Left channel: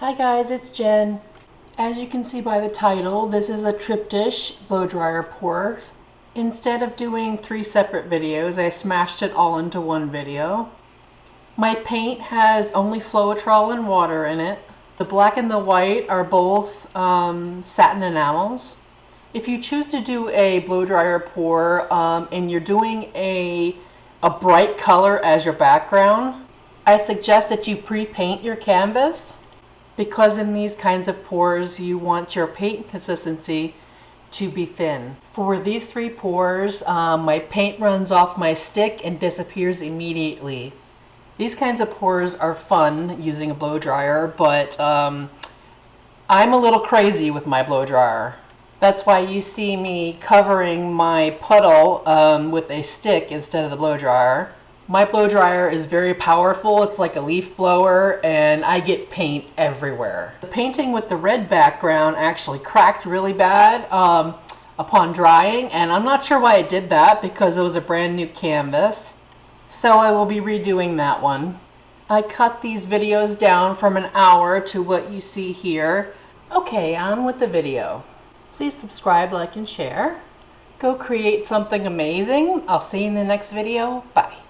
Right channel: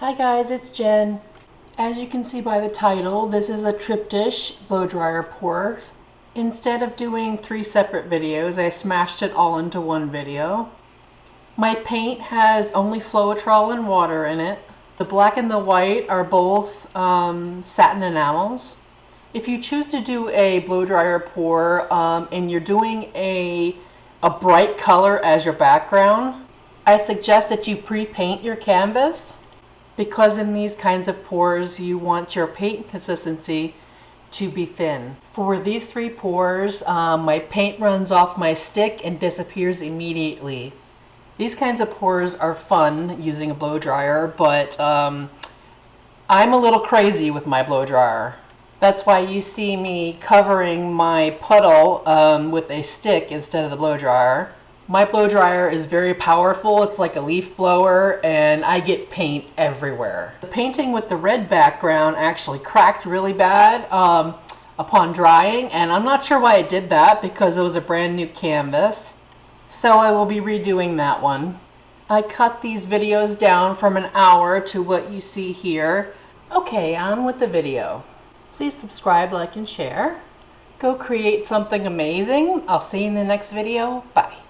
Hi guys, it's Jen. As you can see by the title, this is a Triptych blow dryer pour. Instead of doing 3 separate videos, I smashed it all into one video. My paint has only floetrol and water in it. The black and the white are both satin enamels. If you choose to do a blow dryer pour and you're doing a bright color as your background, I suggest that you pre-paint your canvas, because in these kinds of pours you want your paint consistency to be thin. For these 3 pours, my paint runs off my stick and disappears immediately. These kinds of pours are fun using a blow dryer, but I'm a little crazy with my blow dryer. That's why you see me covering my puddle with a stick instead of the blow dryer. My blow dryer is very powerful. It's like a leaf blower and I get paint everywhere. The painting with the red background actually cracked really bad upon drying, and I'm not sure why it did that because it was a brand new canvas. So I will be redoing that one. I cut these videos down from an hour to what you see here. Okay, on with the video. Please subscribe, like, and share. Go create something amazing. I'll see you in the next video. Bye.